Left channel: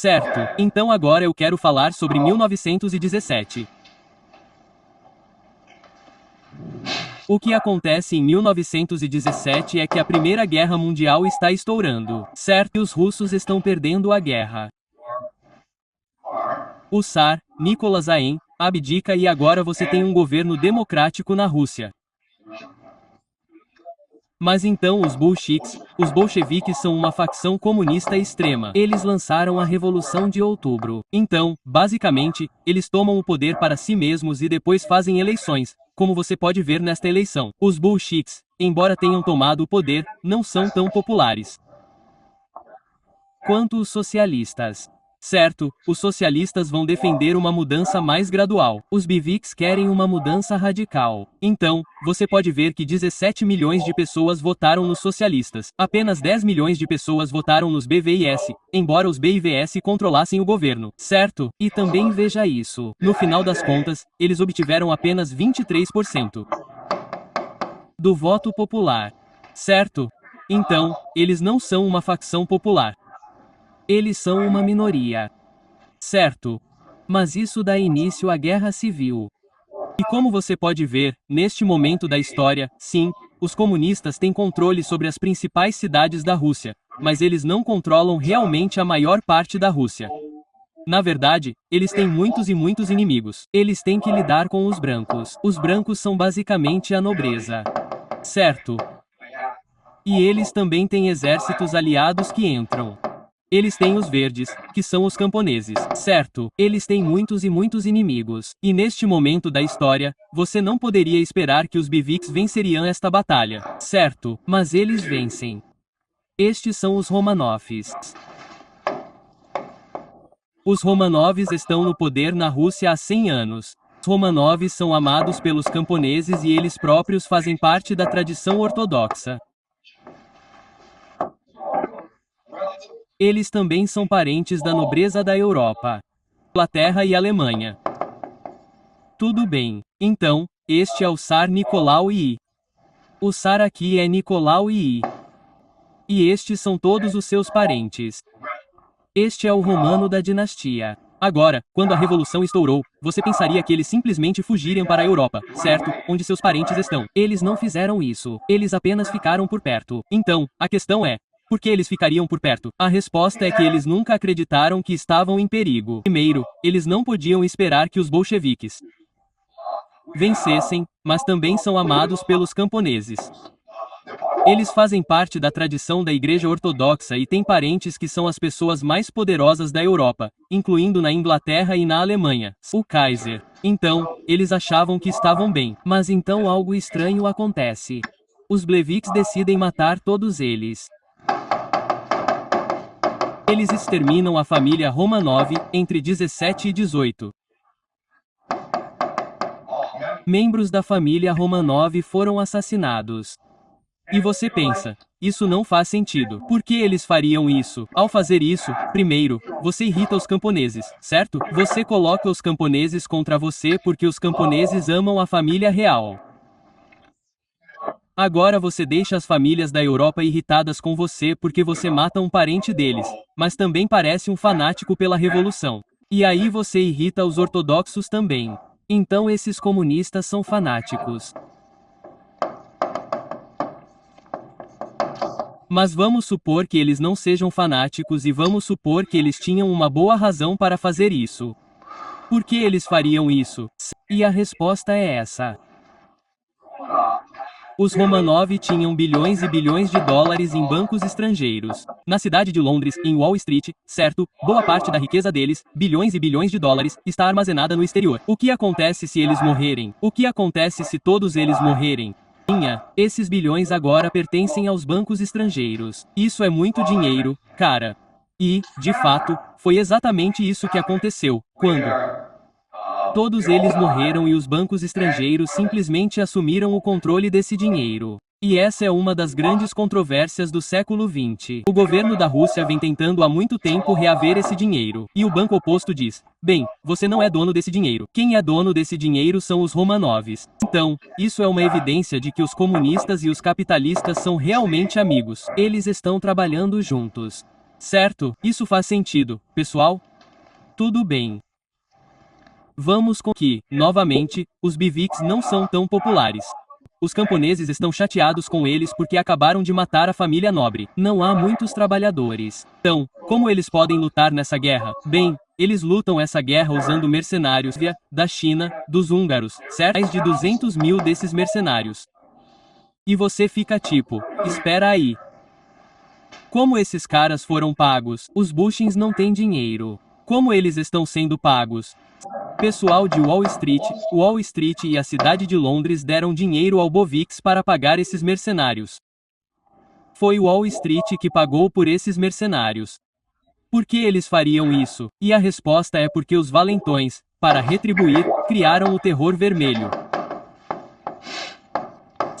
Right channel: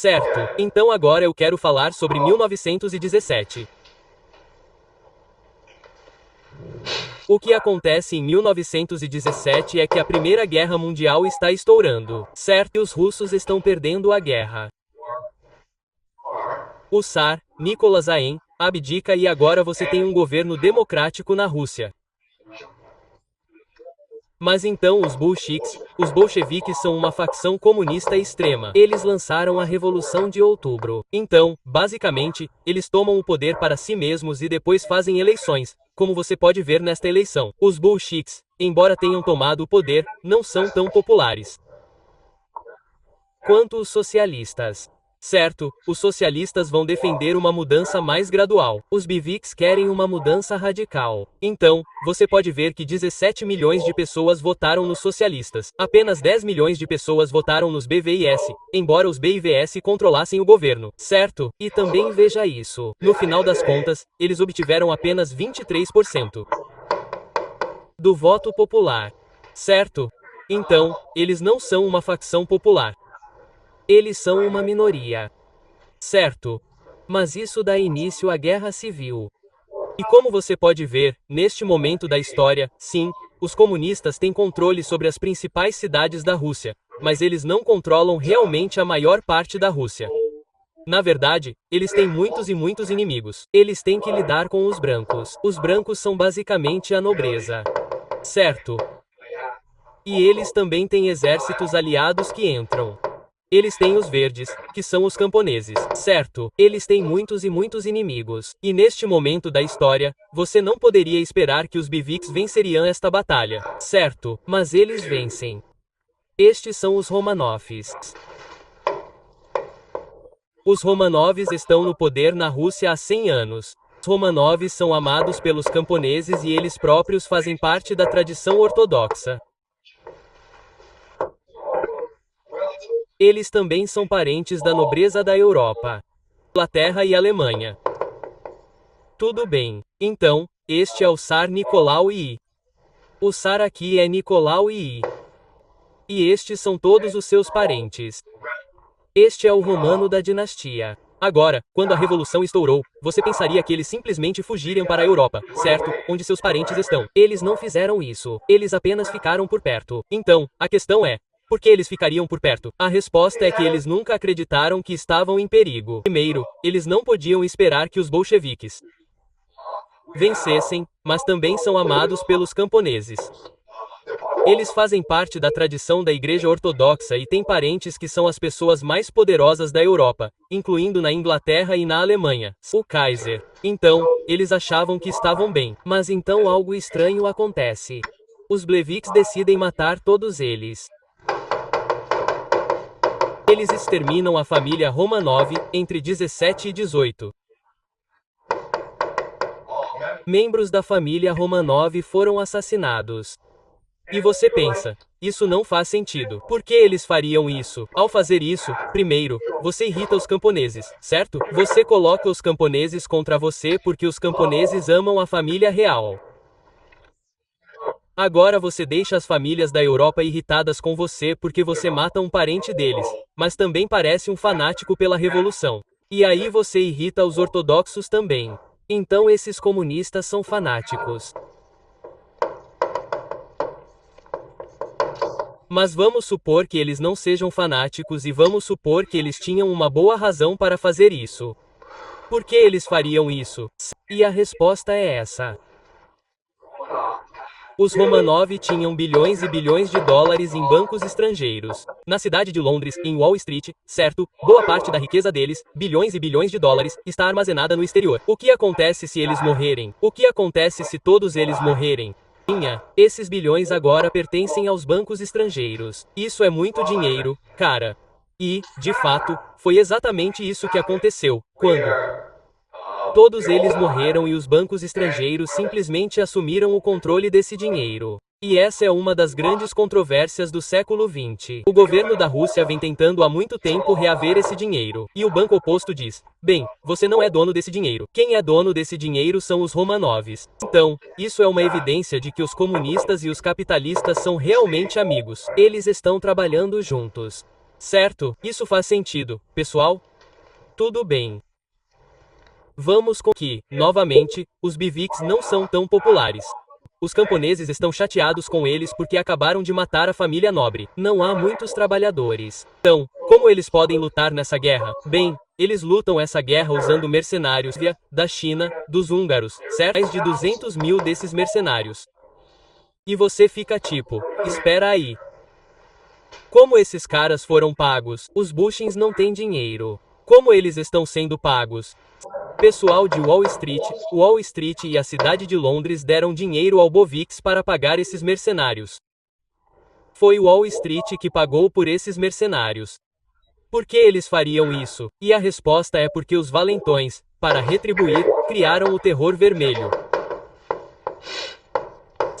Certo, então agora eu quero falar sobre 1917. O que acontece em 1917 é que a Primeira Guerra Mundial está estourando, certo? E os russos estão perdendo a guerra. O Tsar, Nicolas I, abdica e agora você tem um governo democrático na Rússia. Mas então os bolcheviques são uma facção comunista extrema. Eles lançaram a Revolução de Outubro. Então, basicamente, eles tomam o poder para si mesmos e depois fazem eleições, como você pode ver nesta eleição. Os bolcheviques, embora tenham tomado o poder, não são tão populares quanto os socialistas. Certo, os socialistas vão defender uma mudança mais gradual. Os bolcheviques querem uma mudança radical. Então, você pode ver que 17 milhões de pessoas votaram nos socialistas. Apenas 10 milhões de pessoas votaram nos BVS, embora os BVS controlassem o governo. Certo? E também veja isso. No final das contas, eles obtiveram apenas 23% do voto popular. Certo? Então, eles não são uma facção popular. Eles são uma minoria. Certo? Mas isso dá início à Guerra Civil. E como você pode ver, neste momento da história, sim, os comunistas têm controle sobre as principais cidades da Rússia, mas eles não controlam realmente a maior parte da Rússia. Na verdade, eles têm muitos e muitos inimigos. Eles têm que lidar com os brancos. Os brancos são basicamente a nobreza. Certo? E eles também têm exércitos aliados que entram. Eles têm os verdes, que são os camponeses, certo? Eles têm muitos e muitos inimigos. E neste momento da história, você não poderia esperar que os bolcheviques venceriam esta batalha, certo? Mas eles vencem. Estes são os Romanovs. Os Romanovs estão no poder na Rússia há 100 anos. Os Romanovs são amados pelos camponeses e eles próprios fazem parte da tradição ortodoxa. Eles também são parentes da nobreza da Europa, Inglaterra e Alemanha. Tudo bem. Então, este é o Tsar Nicolau I. O Tsar aqui é Nicolau I. E estes são todos os seus parentes. Este é o romano da dinastia. Agora, quando a revolução estourou, você pensaria que eles simplesmente fugiriam para a Europa, certo? Onde seus parentes estão. Eles não fizeram isso. Eles apenas ficaram por perto. Então, a questão é: por que eles ficariam por perto? A resposta é que eles nunca acreditaram que estavam em perigo. Primeiro, eles não podiam esperar que os bolcheviques vencessem, mas também são amados pelos camponeses. Eles fazem parte da tradição da Igreja Ortodoxa e têm parentes que são as pessoas mais poderosas da Europa, incluindo na Inglaterra e na Alemanha, o Kaiser. Então, eles achavam que estavam bem. Mas então algo estranho acontece. Os bolcheviques decidem matar todos eles. Eles exterminam a família Romanov entre 17 e 18. Membros da família Romanov foram assassinados. E você pensa, isso não faz sentido. Por que eles fariam isso? Ao fazer isso, primeiro, você irrita os camponeses, certo? Você coloca os camponeses contra você porque os camponeses amam a família real. Agora você deixa as famílias da Europa irritadas com você porque você mata um parente deles, mas também parece um fanático pela revolução. E aí você irrita os ortodoxos também. Então esses comunistas são fanáticos. Mas vamos supor que eles não sejam fanáticos e vamos supor que eles tinham uma boa razão para fazer isso. Por que eles fariam isso? E a resposta é essa. Os Romanov tinham bilhões e bilhões de dólares em bancos estrangeiros. Na cidade de Londres, em Wall Street, certo, boa parte da riqueza deles, bilhões e bilhões de dólares, está armazenada no exterior. O que acontece se eles morrerem? O que acontece se todos eles morrerem? Esses bilhões agora pertencem aos bancos estrangeiros. Isso é muito dinheiro, cara. E, de fato, foi exatamente isso que aconteceu, quando todos eles morreram e os bancos estrangeiros simplesmente assumiram o controle desse dinheiro. E essa é uma das grandes controvérsias do século XX. O governo da Rússia vem tentando há muito tempo reaver esse dinheiro. E o banco oposto diz: bem, você não é dono desse dinheiro. Quem é dono desse dinheiro são os Romanovs. Então, isso é uma evidência de que os comunistas e os capitalistas são realmente amigos. Eles estão trabalhando juntos. Certo, isso faz sentido, pessoal? Tudo bem. Vamos com que, novamente, os BVICs não são tão populares. Os camponeses estão chateados com eles porque acabaram de matar a família nobre. Não há muitos trabalhadores. Então, como eles podem lutar nessa guerra? Bem, eles lutam essa guerra usando mercenários da China, dos húngaros, certo? Mais de 200 mil desses mercenários. E você fica tipo, espera aí. Como esses caras foram pagos? Os Bushins não têm dinheiro. Como eles estão sendo pagos? Pessoal de Wall Street e a cidade de Londres deram dinheiro ao BOVIX para pagar esses mercenários. Foi Wall Street que pagou por esses mercenários. Por que eles fariam isso? E a resposta é porque os valentões, para retribuir, criaram o terror vermelho.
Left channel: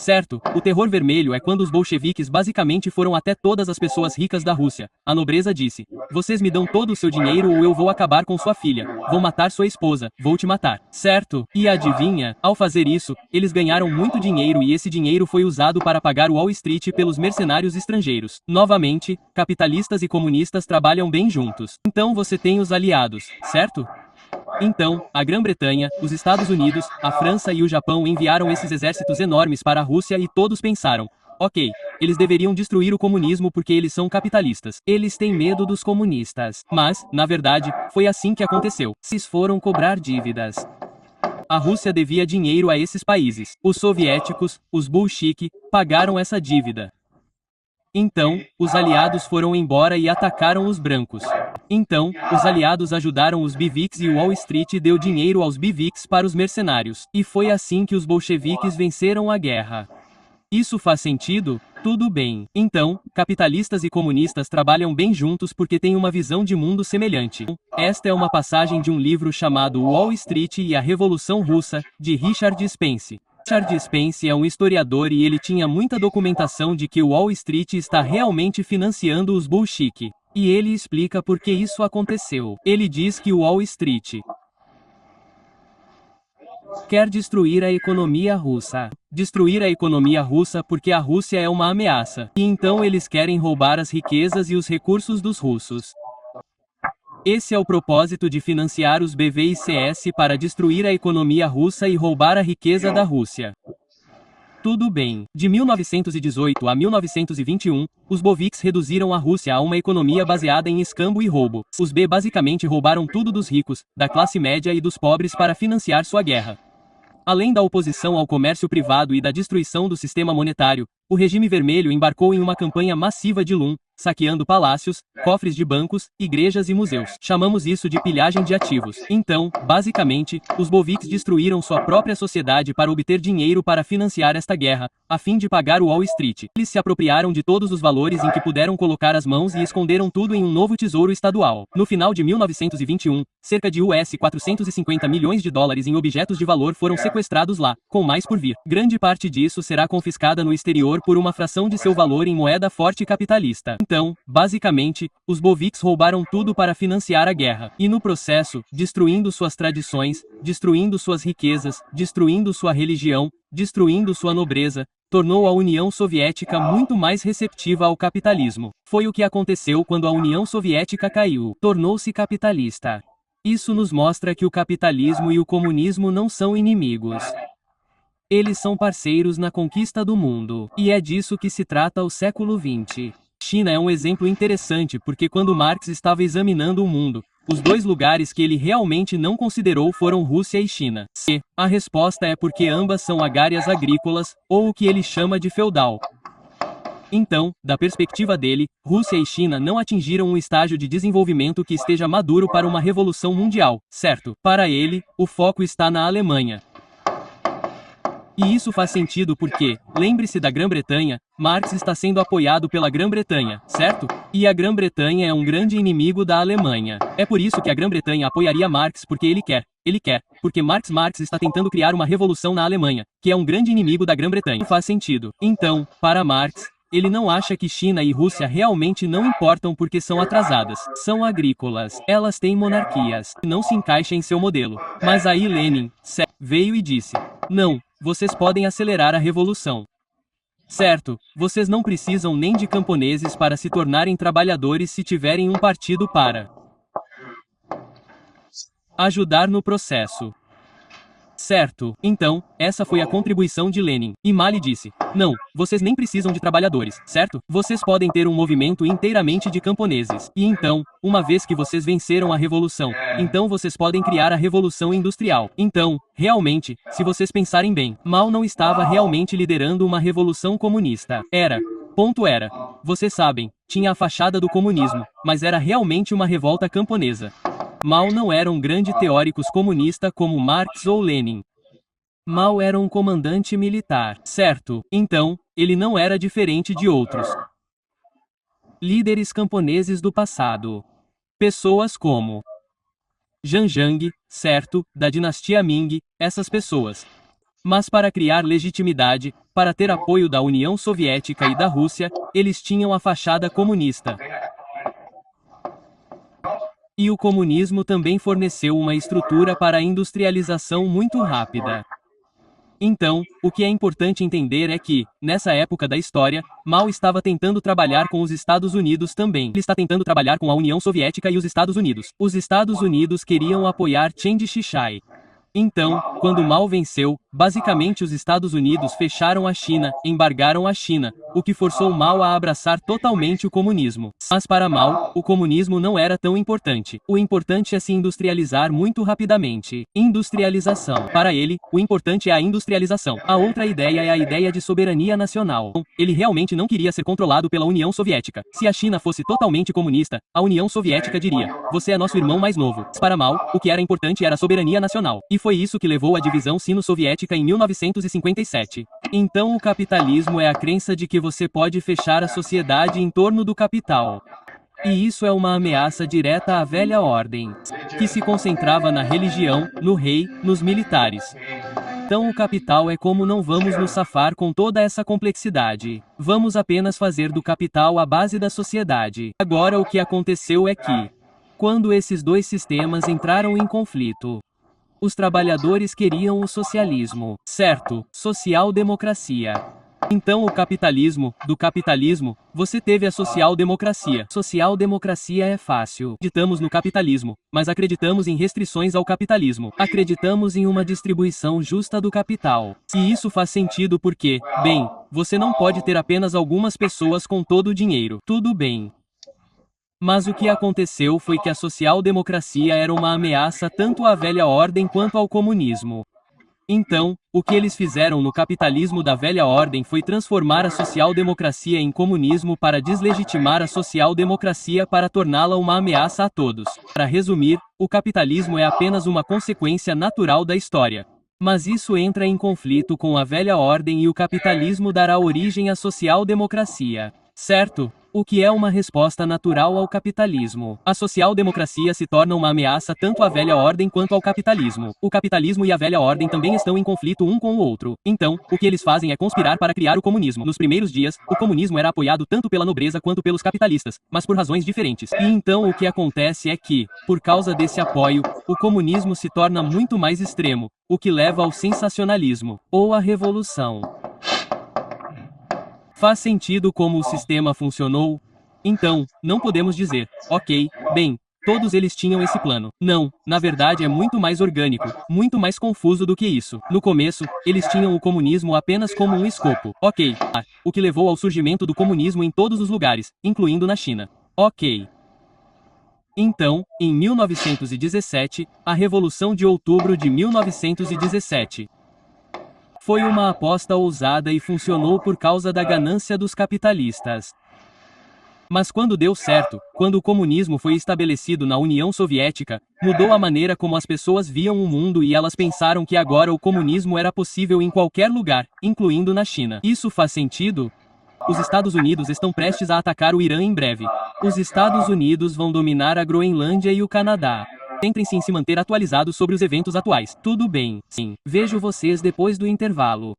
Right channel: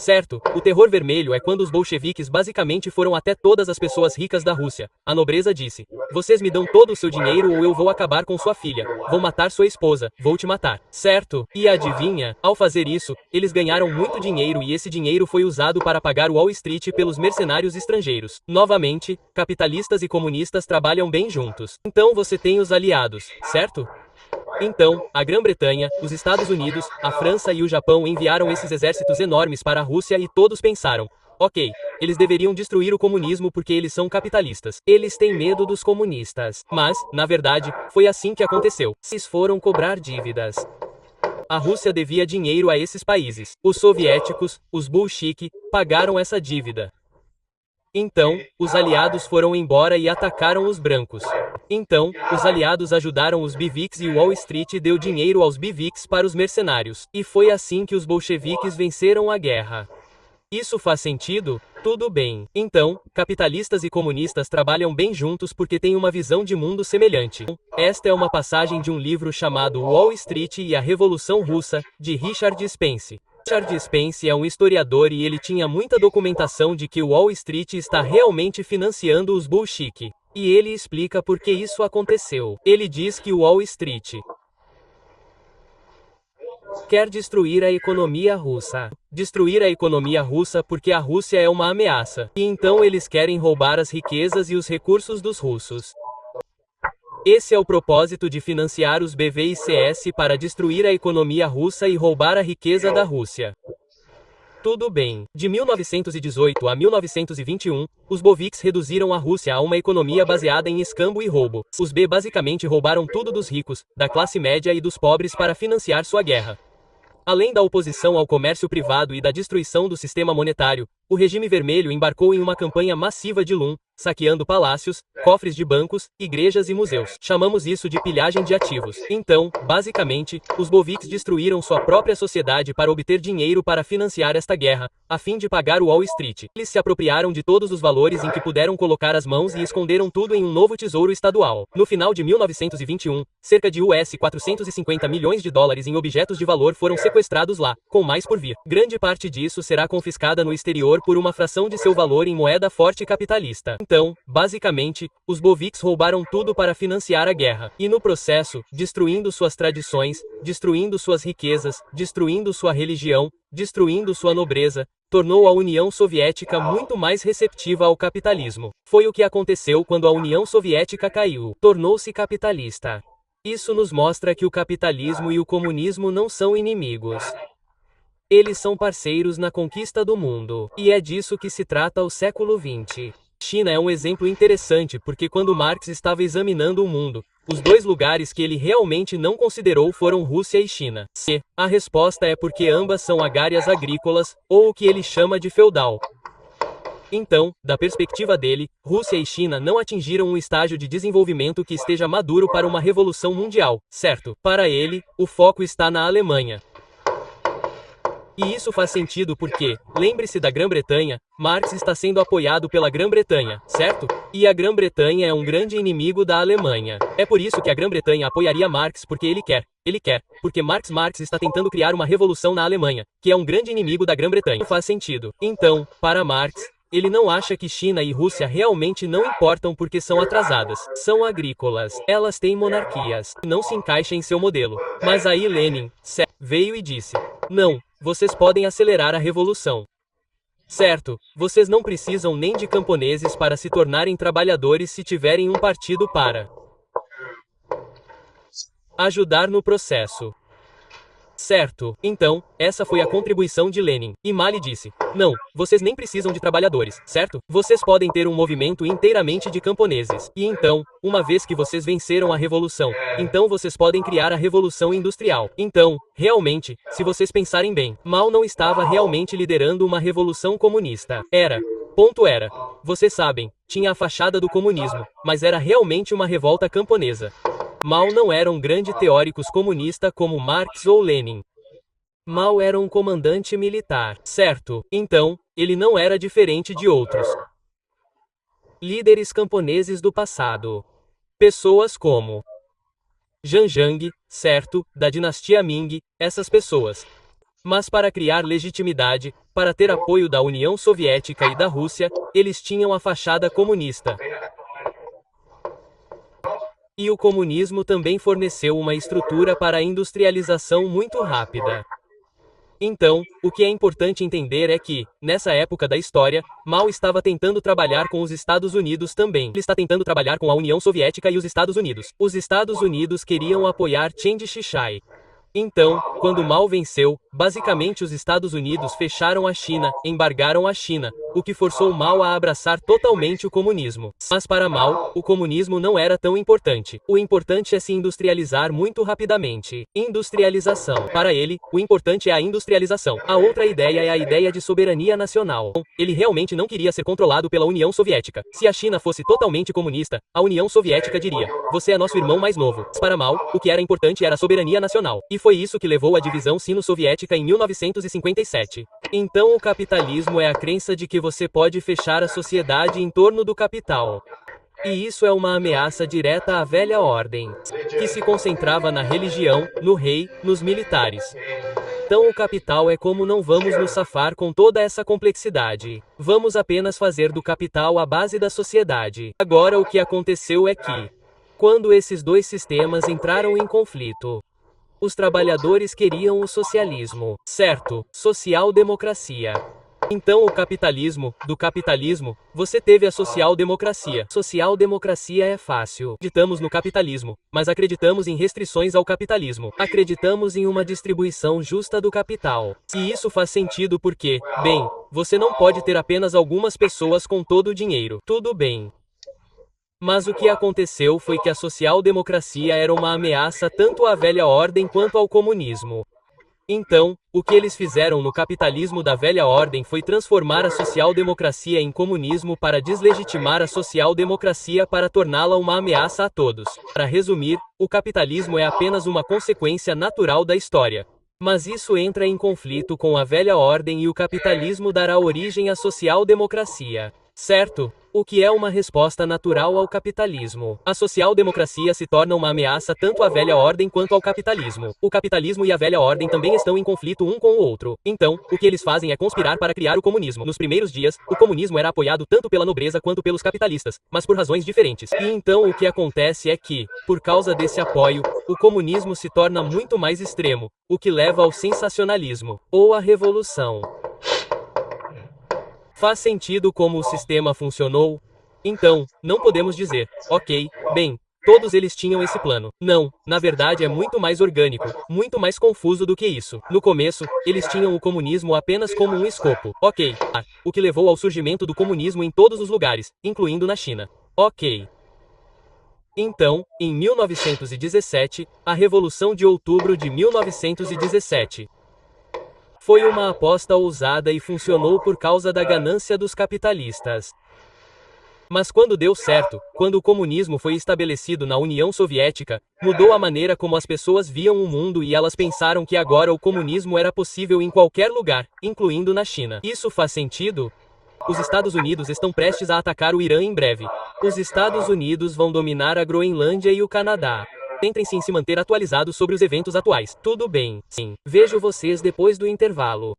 Certo, o terror vermelho é quando os bolcheviques basicamente foram até todas as pessoas ricas da Rússia. A nobreza disse: vocês me dão todo o seu dinheiro ou eu vou acabar com sua filha. Vou matar sua esposa, vou te matar. Certo? E adivinha? Ao fazer isso, eles ganharam muito dinheiro e esse dinheiro foi usado para pagar Wall Street pelos mercenários estrangeiros. Novamente, capitalistas e comunistas trabalham bem juntos. Então você tem os aliados, certo? Então, a Grã-Bretanha, os Estados Unidos, a França e o Japão enviaram esses exércitos enormes para a Rússia e todos pensaram: ok, eles deveriam destruir o comunismo porque eles são capitalistas. Eles têm medo dos comunistas. Mas, na verdade, foi assim que aconteceu. Eles foram cobrar dívidas. A Rússia devia dinheiro a esses países. Os soviéticos, os bolcheviques, pagaram essa dívida. Então, os aliados foram embora e atacaram os brancos. Então, os aliados ajudaram os BVICs e Wall Street deu dinheiro aos BVICs para os mercenários. E foi assim que os bolcheviques venceram a guerra. Isso faz sentido? Tudo bem. Então, capitalistas e comunistas trabalham bem juntos porque têm uma visão de mundo semelhante. Esta é uma passagem de um livro chamado Wall Street e a Revolução Russa, de Richard Spence. Richard Spence é um historiador e ele tinha muita documentação de que Wall Street está realmente financiando os bolcheviques. E ele explica por que isso aconteceu. Ele diz que Wall Street quer destruir a economia russa. Destruir a economia russa porque a Rússia é uma ameaça. E então eles querem roubar as riquezas e os recursos dos russos. Esse é o propósito de financiar os BVICs para destruir a economia russa e roubar a riqueza da Rússia. Tudo bem. De 1918 a 1921, os BOVICs reduziram a Rússia a uma economia baseada em escambo e roubo. Os B basicamente roubaram tudo dos ricos, da classe média e dos pobres para financiar sua guerra. Além da oposição ao comércio privado e da destruição do sistema monetário, o regime vermelho embarcou em uma campanha massiva de Lum, saqueando palácios, cofres de bancos, igrejas e museus. Chamamos isso de pilhagem de ativos. Então, basicamente, os bolcheviques destruíram sua própria sociedade para obter dinheiro para financiar esta guerra, a fim de pagar o Wall Street. Eles se apropriaram de todos os valores em que puderam colocar as mãos e esconderam tudo em um novo tesouro estadual. No final de 1921, cerca de US$ 450 milhões em objetos de valor foram sequestrados lá, com mais por vir. Grande parte disso será confiscada no exterior por uma fração de seu valor em moeda forte capitalista. Então, basicamente, os bolcheviques roubaram tudo para financiar a guerra. E no processo, destruindo suas tradições, destruindo suas riquezas, destruindo sua religião, destruindo sua nobreza, tornou a União Soviética muito mais receptiva ao capitalismo. Foi o que aconteceu quando a União Soviética caiu. Tornou-se capitalista. Isso nos mostra que o capitalismo e o comunismo não são inimigos. Eles são parceiros na conquista do mundo. E é disso que se trata o século XX. China é um exemplo interessante porque quando Marx estava examinando o mundo, os dois lugares que ele realmente não considerou foram Rússia e China. E a resposta é porque ambas são agárias agrícolas, ou o que ele chama de feudal. Então, da perspectiva dele, Rússia e China não atingiram um estágio de desenvolvimento que esteja maduro para uma revolução mundial, certo? Para ele, o foco está na Alemanha. E isso faz sentido porque, lembre-se da Grã-Bretanha, Marx está sendo apoiado pela Grã-Bretanha, certo? E a Grã-Bretanha é um grande inimigo da Alemanha. É por isso que a Grã-Bretanha apoiaria Marx porque ele quer, porque Marx está tentando criar uma revolução na Alemanha, que é um grande inimigo da Grã-Bretanha. Faz sentido. Então, para Marx, ele não acha que China e Rússia realmente não importam porque são atrasadas. São agrícolas. Elas têm monarquias. Não se encaixa em seu modelo. Mas aí Lenin veio e disse: não, vocês podem acelerar a revolução. Certo, vocês não precisam nem de camponeses para se tornarem trabalhadores se tiverem um partido para ajudar no processo. Certo, então, essa foi a contribuição de Lenin. E Mali disse: não, vocês nem precisam de trabalhadores, certo? Vocês podem ter um movimento inteiramente de camponeses. E então, uma vez que vocês venceram a revolução, então vocês podem criar a revolução industrial. Então, realmente, se vocês pensarem bem, Mao não estava realmente liderando uma revolução comunista. Ponto era. Vocês sabem, tinha a fachada do comunismo, mas era realmente uma revolta camponesa. Mao não era um grande teórico comunista como Marx ou Lenin. Mao era um comandante militar, certo? Então, ele não era diferente de outros líderes camponeses do passado. Pessoas como Zhang Zhang, certo, da dinastia Ming, essas pessoas. Mas para criar legitimidade, para ter apoio da União Soviética e da Rússia, eles tinham a fachada comunista. E o comunismo também forneceu uma estrutura para a industrialização muito rápida. Então, o que é importante entender é que, nessa época da história, Mao estava tentando trabalhar com os Estados Unidos também. Ele está tentando trabalhar com a União Soviética e os Estados Unidos. Os Estados Unidos queriam apoiar Chiang Kai-shek. Então, quando Mao venceu, basicamente os Estados Unidos fecharam a China, embargaram a China, o que forçou Mao a abraçar totalmente o comunismo. Mas para Mao, o comunismo não era tão importante. O importante é se industrializar muito rapidamente. Industrialização. Para ele, o importante é a industrialização. A outra ideia é a ideia de soberania nacional. Ele realmente não queria ser controlado pela União Soviética. Se a China fosse totalmente comunista, a União Soviética diria: você é nosso irmão mais novo. Para Mao, o que era importante era a soberania nacional. E foi isso que levou à divisão sino-soviética em 1957. Então o capitalismo é a crença de que você pode fechar a sociedade em torno do capital. E isso é uma ameaça direta à velha ordem, que se concentrava na religião, no rei, nos militares. Então o capital é como não vamos nos safar com toda essa complexidade. Vamos apenas fazer do capital a base da sociedade. Agora o que aconteceu é que, quando esses dois sistemas entraram em conflito, os trabalhadores queriam o socialismo, certo? Social-democracia. Então do capitalismo, você teve a social-democracia. Social-democracia é fácil. Acreditamos no capitalismo, mas acreditamos em restrições ao capitalismo. Acreditamos em uma distribuição justa do capital. E isso faz sentido porque, bem, você não pode ter apenas algumas pessoas com todo o dinheiro. Tudo bem. Mas o que aconteceu foi que a social-democracia era uma ameaça tanto à velha ordem quanto ao comunismo. Então, o que eles fizeram no capitalismo da velha ordem foi transformar a social-democracia em comunismo para deslegitimar a social-democracia para torná-la uma ameaça a todos. Para resumir, o capitalismo é apenas uma consequência natural da história. Mas isso entra em conflito com a velha ordem e o capitalismo dará origem à social-democracia. Certo? O que é uma resposta natural ao capitalismo. A social-democracia se torna uma ameaça tanto à velha ordem quanto ao capitalismo. O capitalismo e a velha ordem também estão em conflito um com o outro. Então, o que eles fazem é conspirar para criar o comunismo. Nos primeiros dias, o comunismo era apoiado tanto pela nobreza quanto pelos capitalistas, mas por razões diferentes. E então o que acontece é que, por causa desse apoio, o comunismo se torna muito mais extremo, o que leva ao sensacionalismo, ou à revolução. Faz sentido como o sistema funcionou? Então, não podemos dizer, ok, bem, todos eles tinham esse plano. Não, na verdade é muito mais orgânico, muito mais confuso do que isso. No começo, eles tinham o comunismo apenas como um escopo. Ok, o que levou ao surgimento do comunismo em todos os lugares, incluindo na China. Ok. Então, em 1917, a Revolução de Outubro de 1917. Foi uma aposta ousada e funcionou por causa da ganância dos capitalistas. Mas quando deu certo, quando o comunismo foi estabelecido na União Soviética, mudou a maneira como as pessoas viam o mundo e elas pensaram que agora o comunismo era possível em qualquer lugar, incluindo na China. Isso faz sentido? Os Estados Unidos estão prestes a atacar o Irã em breve. Os Estados Unidos vão dominar a Groenlândia e o Canadá. Centrem-se em se manter atualizados sobre os eventos atuais. Tudo bem. Sim. Vejo vocês depois do intervalo.